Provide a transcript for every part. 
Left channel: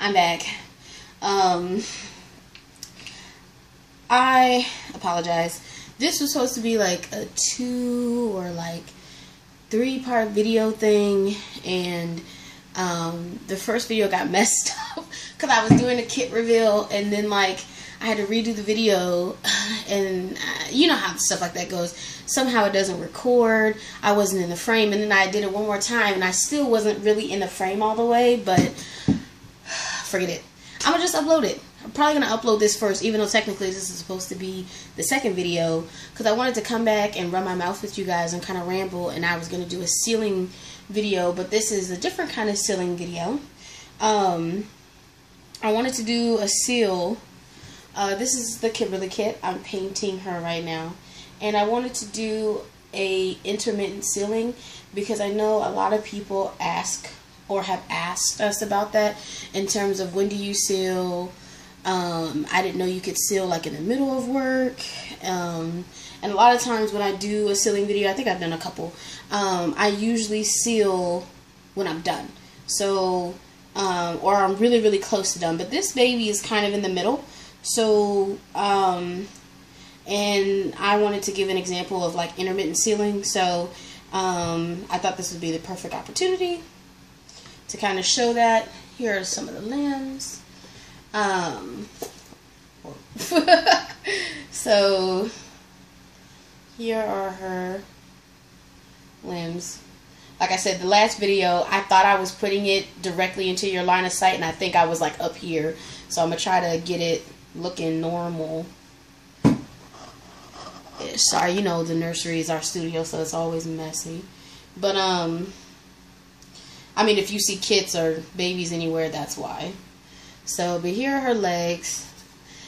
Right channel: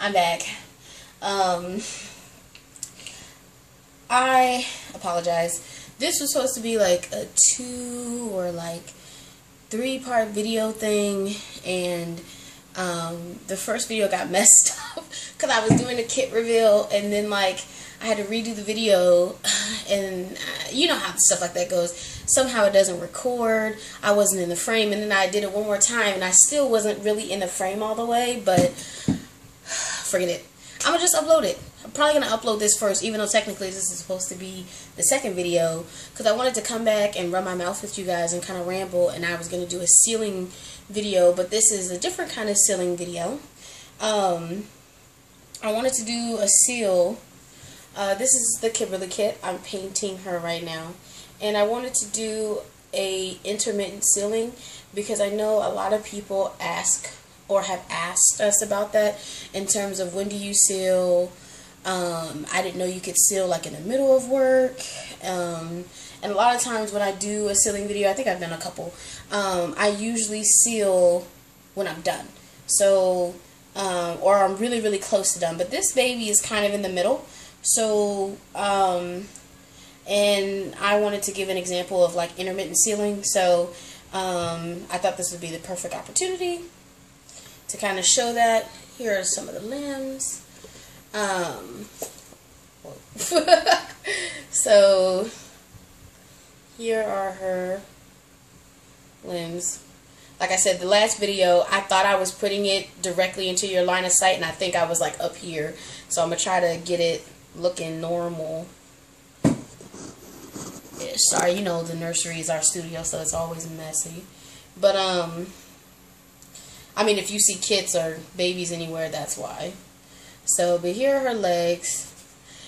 I'm back. I apologize. This was supposed to be like a 2 or like 3-part video thing, and the first video got messed up because I was doing a kit reveal, and then like I had to redo the video, and you know how stuff like that goes. Somehow it doesn't record. I wasn't in the frame, and then I did it one more time, and I still wasn't really in the frame all the way, but forget it. I'm gonna just upload it. I'm probably gonna upload this first, even though technically this is supposed to be the second video, because I wanted to come back and run my mouth with you guys and kind of ramble, and I was gonna do a sealing video, but this is a different kind of sealing video. I wanted to do a seal. This is the Kimberly kit. I'm painting her right now, and I wanted to do a intermittent sealing because I know a lot of people ask or have asked us about that in terms of when do you seal. I didn't know you could seal like in the middle of work, and a lot of times when I do a sealing video, I think I've done a couple, I usually seal when I'm done, so or I'm really close to done, but this baby is kind of in the middle. So and I wanted to give an example of like intermittent sealing, so I thought this would be the perfect opportunity to kind of show that. Here are some of the limbs. So here are her limbs. Like I said, the last video, I thought I was putting it directly into your line of sight, and I think I was like up here. So I'm gonna try to get it looking normal. Yeah, sorry, you know the nursery is our studio, so it's always messy. But I mean, if you see kids or babies anywhere, that's why. So, but here are her legs.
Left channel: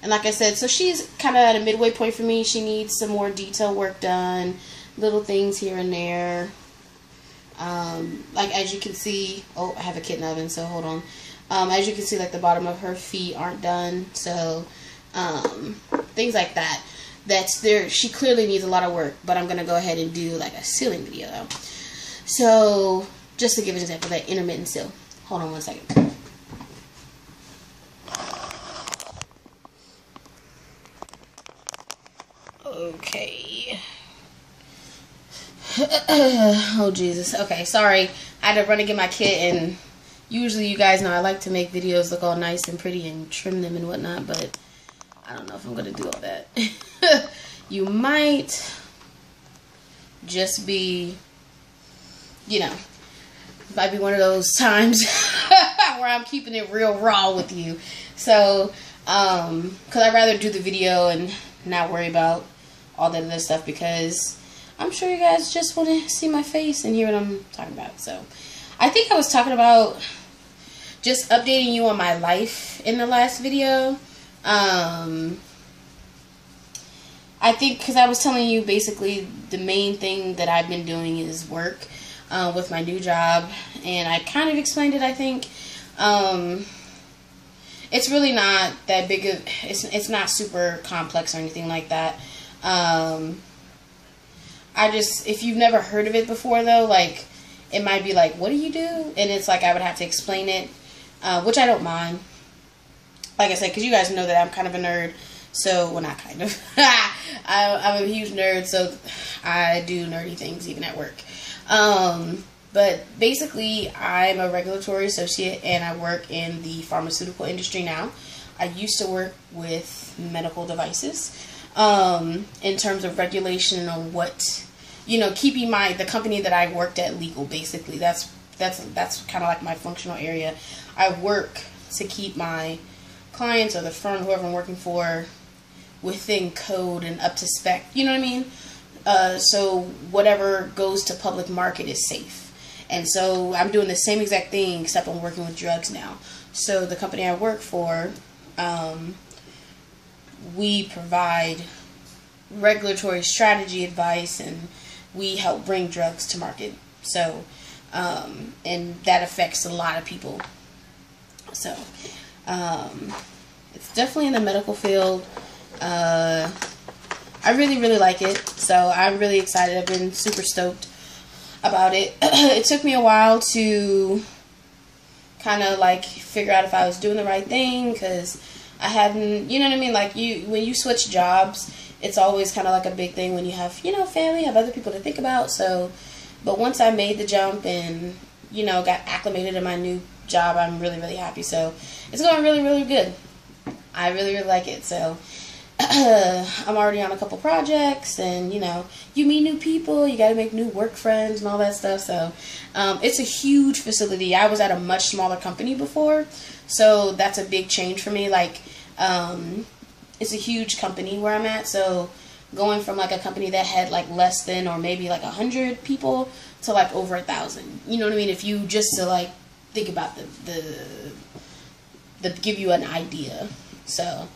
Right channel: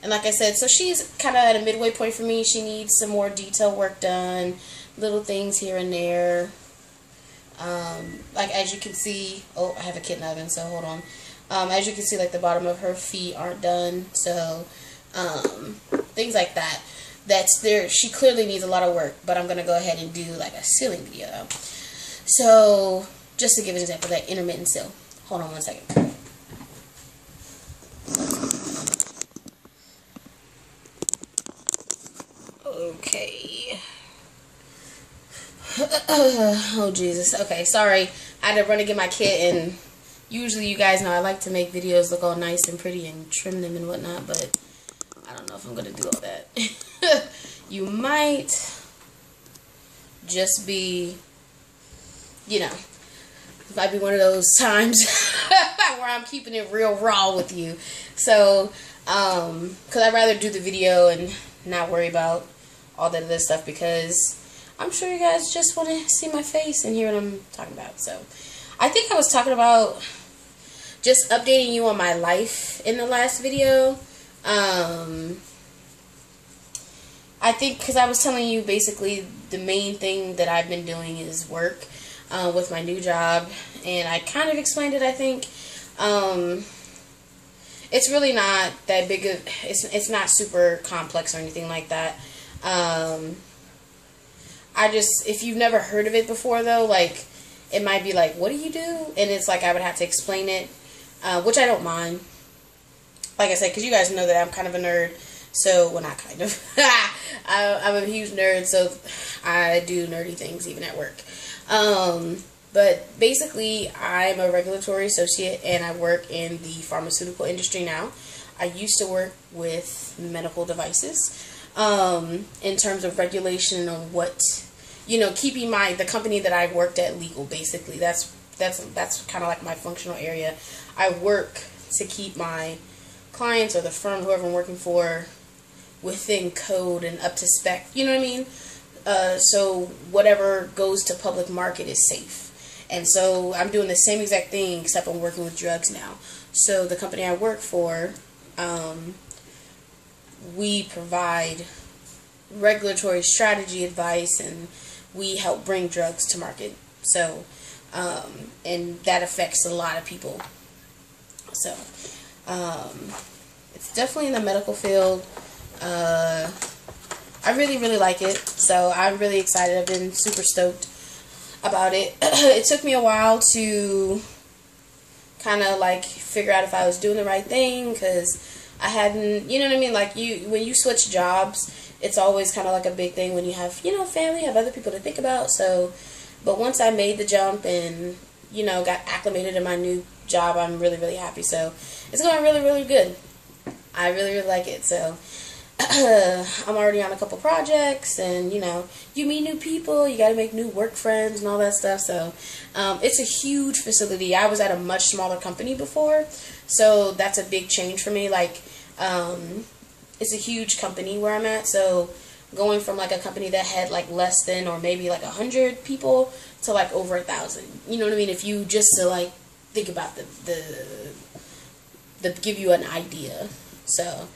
And like I said, so she's kind of at a midway point for me. She needs some more detail work done. Little things here and there. Like as you can see, oh, I have a kitten oven, so hold on. As you can see, like the bottom of her feet aren't done. So, things like that. That's there. She clearly needs a lot of work, but I'm going to go ahead and do like a sealing video. So, just to give an example, that intermittent seal. Hold on one second. Okay. Oh, Jesus. Okay, sorry. I had to run and get my kit, and usually you guys know I like to make videos look all nice and pretty and trim them and whatnot, but I don't know if I'm going to do all that. You might just be, you know, it might be one of those times where I'm keeping it real raw with you. So, because I'd rather do the video and not worry about all that other stuff, because I'm sure you guys just want to see my face and hear what I'm talking about. So, I think I was talking about just updating you on my life in the last video. I think because I was telling you basically the main thing that I've been doing is work with my new job, and I kind of explained it, I think. It's really not that big of, it's not super complex or anything like that. I just, if you've never heard of it before though, like, it might be like, what do you do? And it's like I would have to explain it, which I don't mind. Like I said, because you guys know that I'm kind of a nerd. So, well, not kind of. I'm a huge nerd, so I do nerdy things even at work. But basically, I'm a regulatory associate, and I work in the pharmaceutical industry now. I used to work with medical devices in terms of regulation on what, you know, keeping the company that I worked at legal, basically. That's kind of like my functional area. I work to keep my clients or the firm, whoever I'm working for, within code and up to spec, you know what I mean? So whatever goes to public market is safe. And so I'm doing the same exact thing, except I'm working with drugs now. So the company I work for, we provide regulatory strategy advice, and we help bring drugs to market. So, and that affects a lot of people. So, it's definitely in the medical field. I really like it, so I'm really excited. I've been super stoked about it. It took me a while to kind of like figure out if I was doing the right thing, because I hadn't, you know what I mean? Like when you switch jobs, it's always kind of like a big thing when you have, you know, family, have other people to think about. So, but once I made the jump and, you know, got acclimated in my new job, I'm really, really happy. So it's going really, really good. I really, really like it. So I'm already on a couple projects, and, you know, you meet new people, you got to make new work friends and all that stuff. So it's a huge facility. I was at a much smaller company before, so that's a big change for me. Like, it's a huge company where I'm at, so going from like a company that had like less than or maybe like 100 people to like over 1,000. You know what I mean? If you just to like think about the give you an idea. So,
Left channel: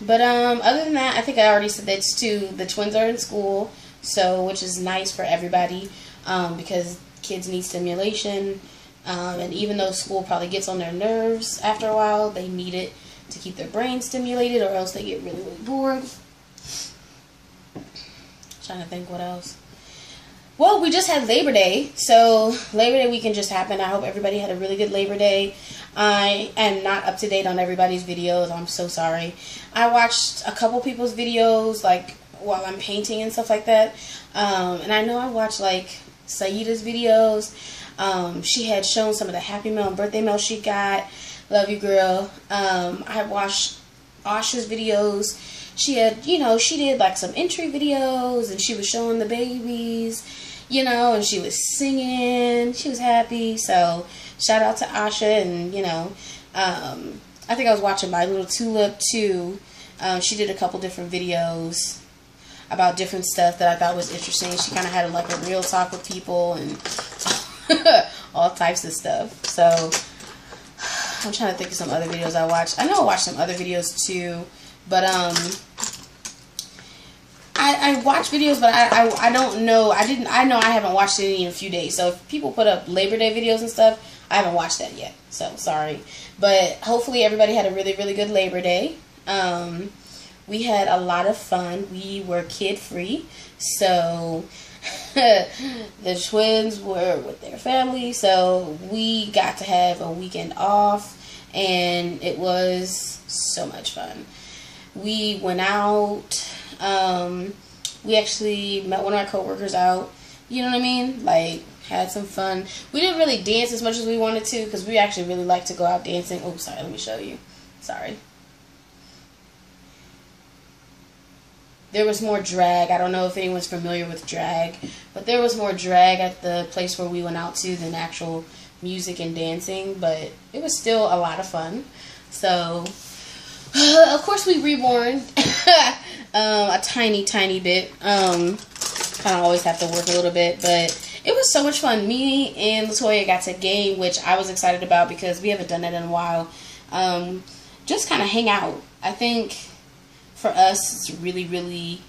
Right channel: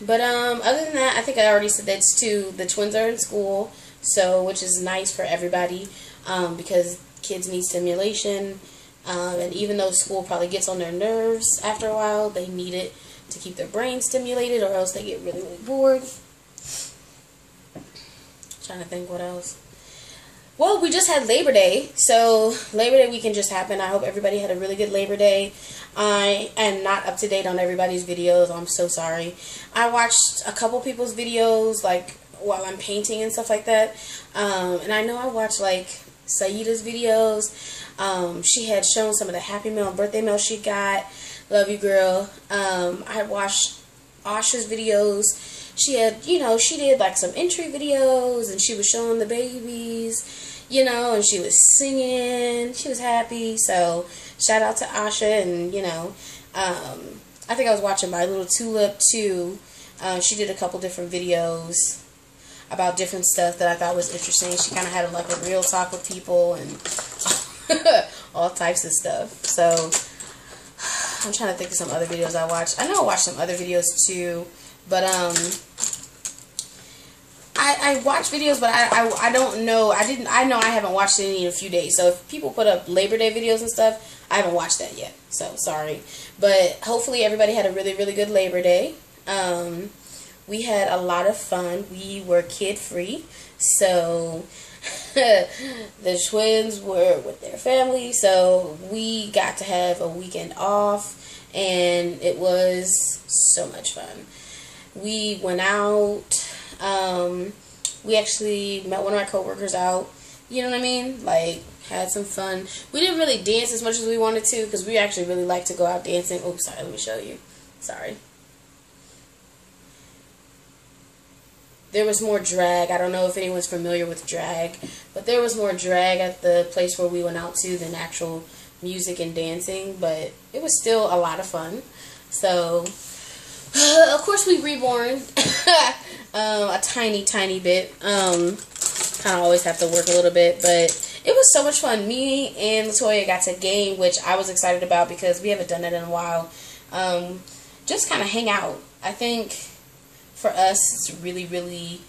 but other than that, I think I already said that too. The twins are in school, so which is nice for everybody, because kids need stimulation, and even though school probably gets on their nerves after a while, they need it to keep their brain stimulated, or else they get really, really bored. Trying to think what else. Well, we just had Labor Day, so Labor Day weekend just happened. I hope everybody had a really good Labor Day. I am not up to date on everybody's videos. I'm so sorry. I watched a couple people's videos, like, while I'm painting and stuff like that. And I know I watched, like, Saida's videos. She had shown some of the Happy Mail and birthday mail she got. Love you, girl. I watched Asha's videos. She had, you know, she did like some entry videos, and she was showing the babies, you know, and she was singing. She was happy. So shout out to Asha. And, you know, I think I was watching My Little Tulip too. She did a couple different videos about different stuff that I thought was interesting. She kind of had like a real talk with people and all types of stuff. So I'm trying to think of some other videos I watched. I know I watched some other videos too, but I watch videos, but I don't know. I know I haven't watched any in a few days. So if people put up Labor Day videos and stuff, I haven't watched that yet. So sorry, but hopefully everybody had a really, really good Labor Day. We had a lot of fun. We were kid free, so the twins were with their family, so we got to have a weekend off, and it was so much fun. We went out. We actually met one of our coworkers out. You know what I mean? Like, had some fun. We didn't really dance as much as we wanted to, because we actually really like to go out dancing. Oh, sorry, let me show you. Sorry. There was more drag. I don't know if anyone's familiar with drag, but there was more drag at the place where we went out to than actual music and dancing, but it was still a lot of fun. So, of course, we reborn a tiny, tiny bit. Kind of always have to work a little bit, but it was so much fun. Me and Latoya got to game, which I was excited about because we haven't done that in a while. Just kind of hang out. I think for us, it's really, really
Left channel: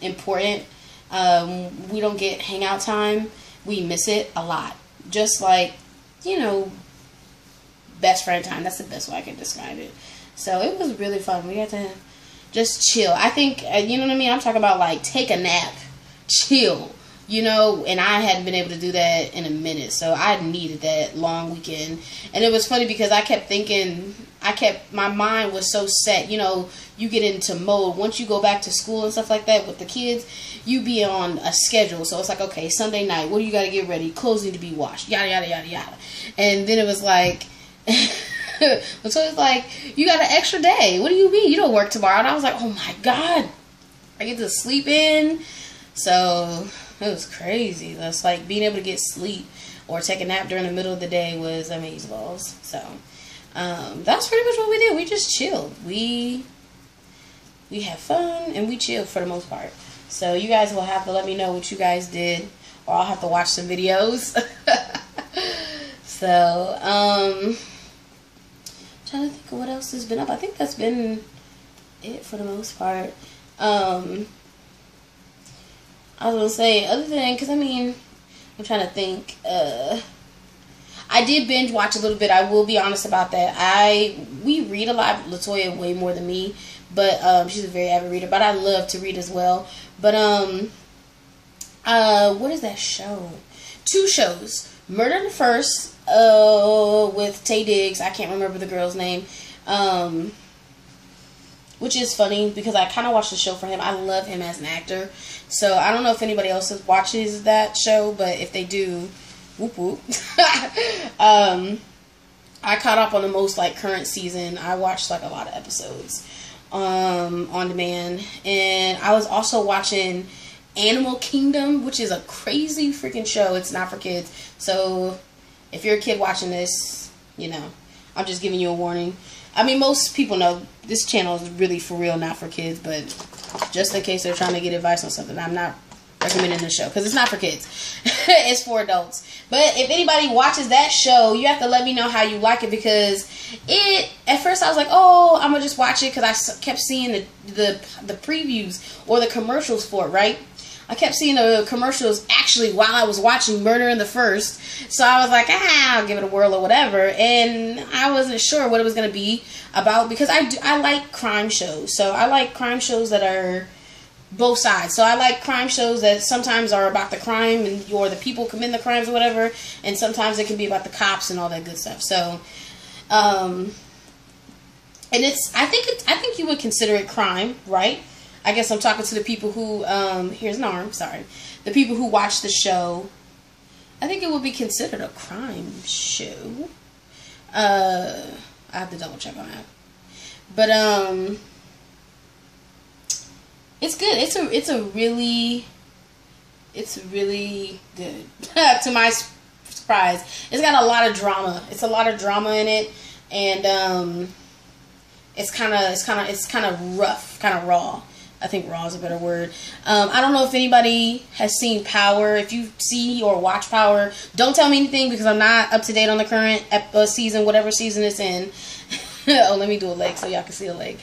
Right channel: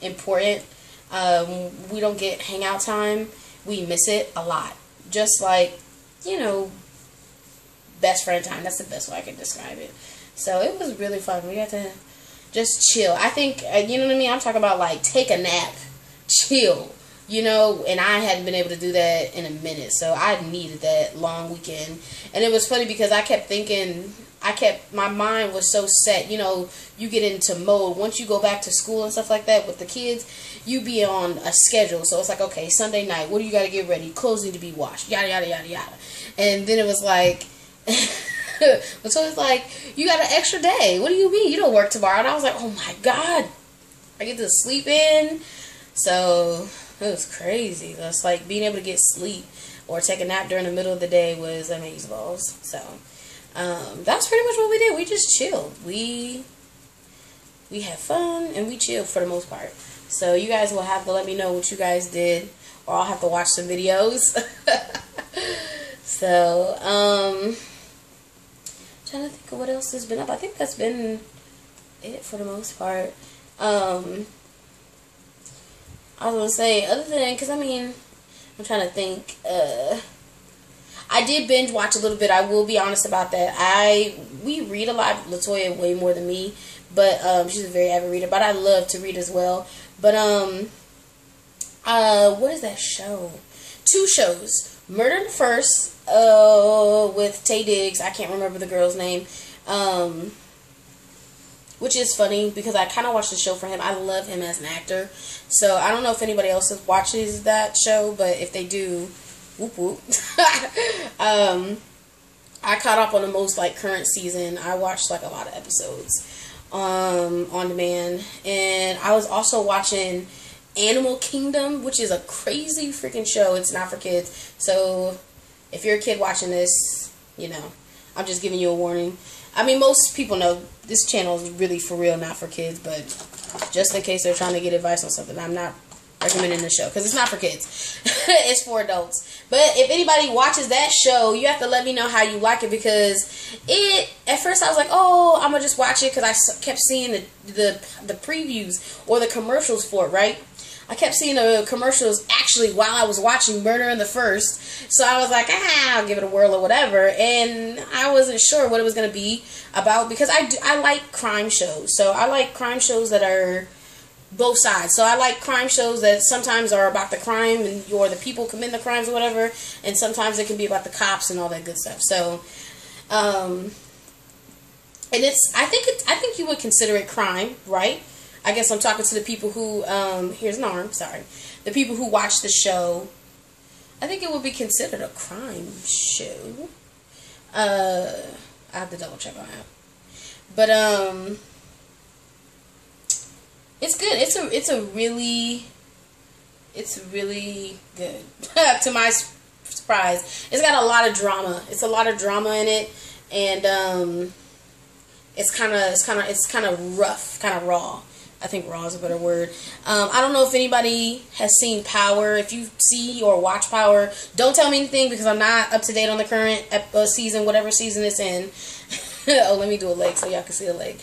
important. We don't get hangout time. We miss it a lot. Just like, you know, best friend time. That's the best way I can describe it. So it was really fun. We got to just chill. I think, you know what I mean? I'm talking about like take a nap, chill, you know, and I hadn't been able to do that in a minute. So I needed that long weekend. And it was funny because I kept thinking, my mind was so set, you know, you get into mode. Once you go back to school and stuff like that with the kids, you be on a schedule. So it's like, okay, Sunday night, what do you got to get ready? Clothes need to be washed, yada, yada, yada, yada. And then it was like, so it's like, you got an extra day. What do you mean? You don't work tomorrow. And I was like, oh my God, I get to sleep in. So it was crazy. That's like being able to get sleep or take a nap during the middle of the day was amazeballs. So that's pretty much what we did. We just chilled. We had fun and we chilled for the most part. So you guys will have to let me know what you guys did, or I'll have to watch some videos. So trying to think of what else has been up. I think that's been it for the most part. I was gonna say, other than, because I mean, I'm trying to think. I did binge watch a little bit. I will be honest about that. We read a lot. Latoya way more than me, but she's a very avid reader. But I love to read as well. But what is that show? 2 shows. Murder in the First, with Taye Diggs. I can't remember the girl's name. Which is funny because I kind of watched the show for him. I love him as an actor. So I don't know if anybody else watches that show, but if they do, whoop whoop. I caught up on the most like current season. I watched like a lot of episodes on demand. And I was also watching Animal Kingdom, which is a crazy freaking show. It's not for kids. So if you're a kid watching this, you know, I'm just giving you a warning. I mean, most people know this channel is really for real, not for kids, but just in case they're trying to get advice on something, I'm not recommending the show because it's not for kids. It's for adults. But if anybody watches that show, you have to let me know how you like it, because at first I was like, oh, I'm gonna just watch it because I kept seeing the previews or the commercials for it, right? I kept seeing the commercials actually while I was watching Murder in the First. So I was like, I'll give it a whirl or whatever. And I wasn't sure what it was going to be about, because I like crime shows. So I like crime shows that are both sides. So I like crime shows that sometimes are about the crime or the people committing the crimes or whatever. And sometimes it can be about the cops and all that good stuff. So, and I think you would consider it crime, right? I guess I'm talking to the people who, here's an arm, sorry. The people who watch the show. I think it would be considered a crime show. I have to double check on that. But, it's good. It's really good. To my surprise. It's got a lot of drama. It's a lot of drama in it. And, it's kind of rough, kind of raw. I think raw is a better word. I don't know if anybody has seen Power. If you see or watch Power, don't tell me anything because I'm not up to date on the current season, whatever season it's in. Oh, let me do a leg so y'all can see a leg.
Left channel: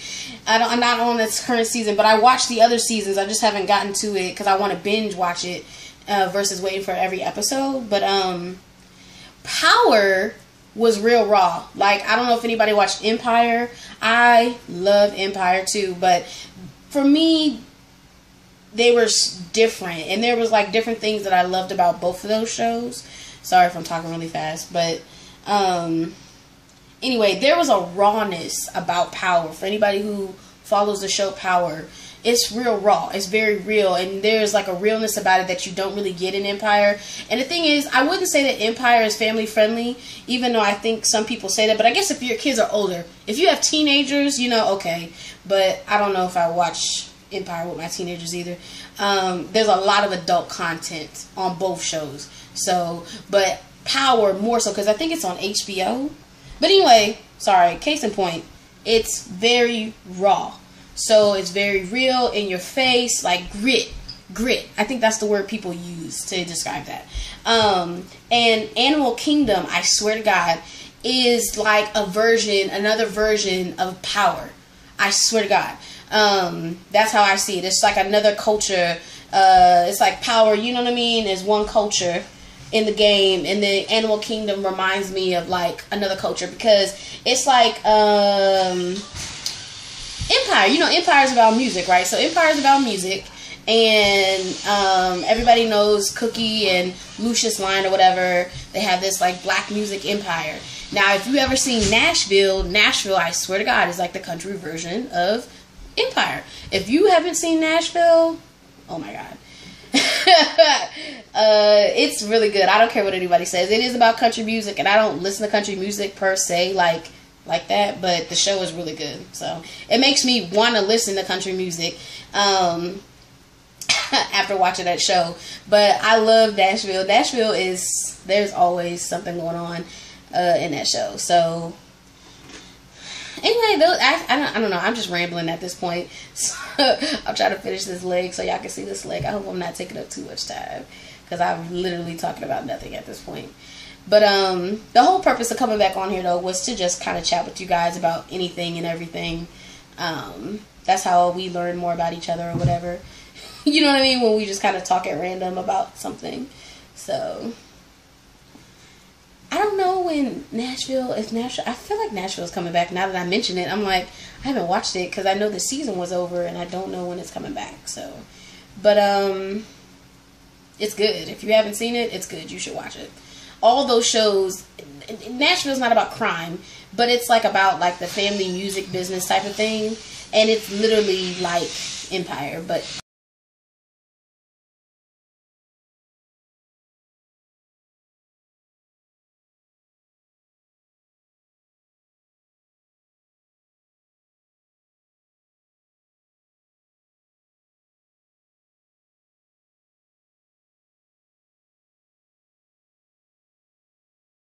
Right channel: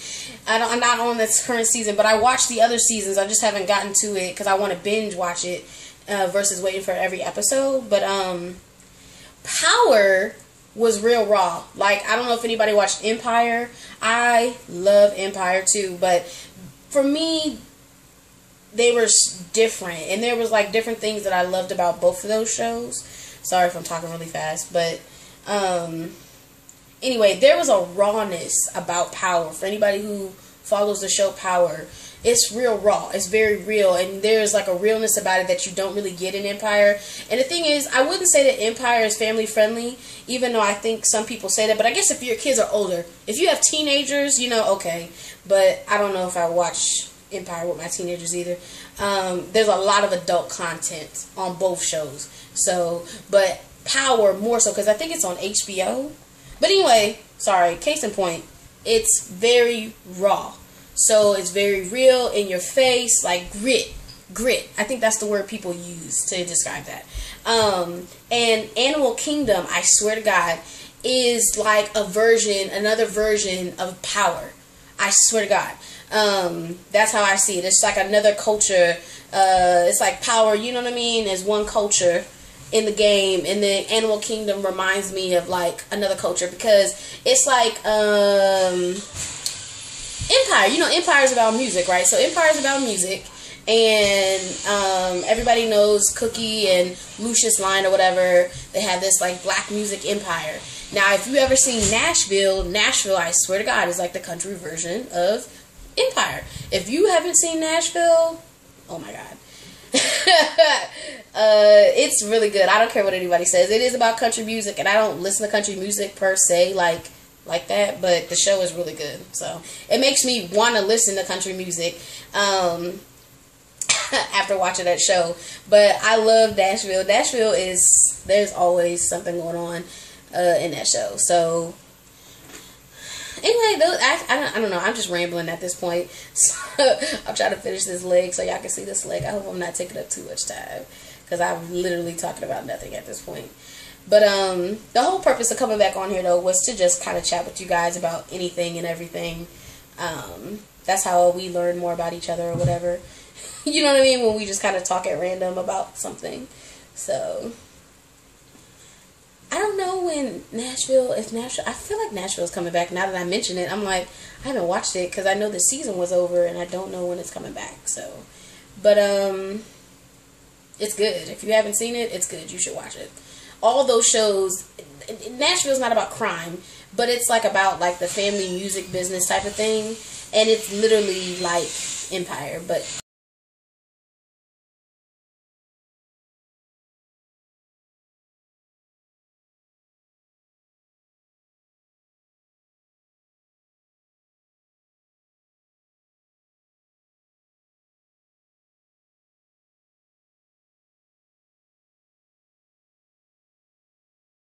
I'm not on this current season, but I watched the other seasons. I just haven't gotten to it because I want to binge watch it versus waiting for every episode. But Power was real raw. Like, I don't know if anybody watched Empire. I love Empire too, but for me, they were different, and there was like different things that I loved about both of those shows. Sorry if I'm talking really fast, but anyway, there was a rawness about Power. For anybody who follows the show Power, it's real raw. It's very real, and there's like a realness about it that you don't really get in Empire. And the thing is, I wouldn't say that Empire is family friendly, even though I think some people say that. But I guess if your kids are older, if you have teenagers, you know, okay. But I don't know if I watch Empire with my teenagers either. There's a lot of adult content on both shows. So, but Power more so because I think it's on HBO. But anyway, sorry, case in point, it's very raw. So it's very real, in your face, like grit. I think that's the word people use to describe that. And Animal Kingdom, I swear to God, is like another version of Power. I swear to God. That's how I see it. It's like another culture. It's like Power, you know what I mean, is one culture in the game, and then Animal Kingdom reminds me of like another culture, because it's like Empire. You know, Empire is about music, right? So Empire is about music, and everybody knows Cookie and Lucius Lyon or whatever. They have this like black music empire. Now, if you ever seen Nashville, I swear to God, is like the country version of Empire. If you haven't seen Nashville, oh my God. It's really good. I don't care what anybody says. It is about country music, and I don't listen to country music per se like that, but the show is really good. So it makes me want to listen to country music after watching that show. But I love Nashville. Nashville is, there's always something going on in that show. So anyway, I don't know. I'm just rambling at this point. So I'm trying to finish this leg so y'all can see this leg. I hope I'm not taking up too much time, because I'm literally talking about nothing at this point. But the whole purpose of coming back on here, though, was to just kind of chat with you guys about anything and everything. That's how we learn more about each other or whatever. You know what I mean? When we just kind of talk at random about something. So I don't know when Nashville, I feel like Nashville's coming back. Now that I mention it, I'm like, I haven't watched it because I know the season was over and I don't know when it's coming back. So, but It's good. If you haven't seen it, it's good. You should watch it. All those shows, Nashville's not about crime, but it's like about like the family music business type of thing, and it's literally like Empire, but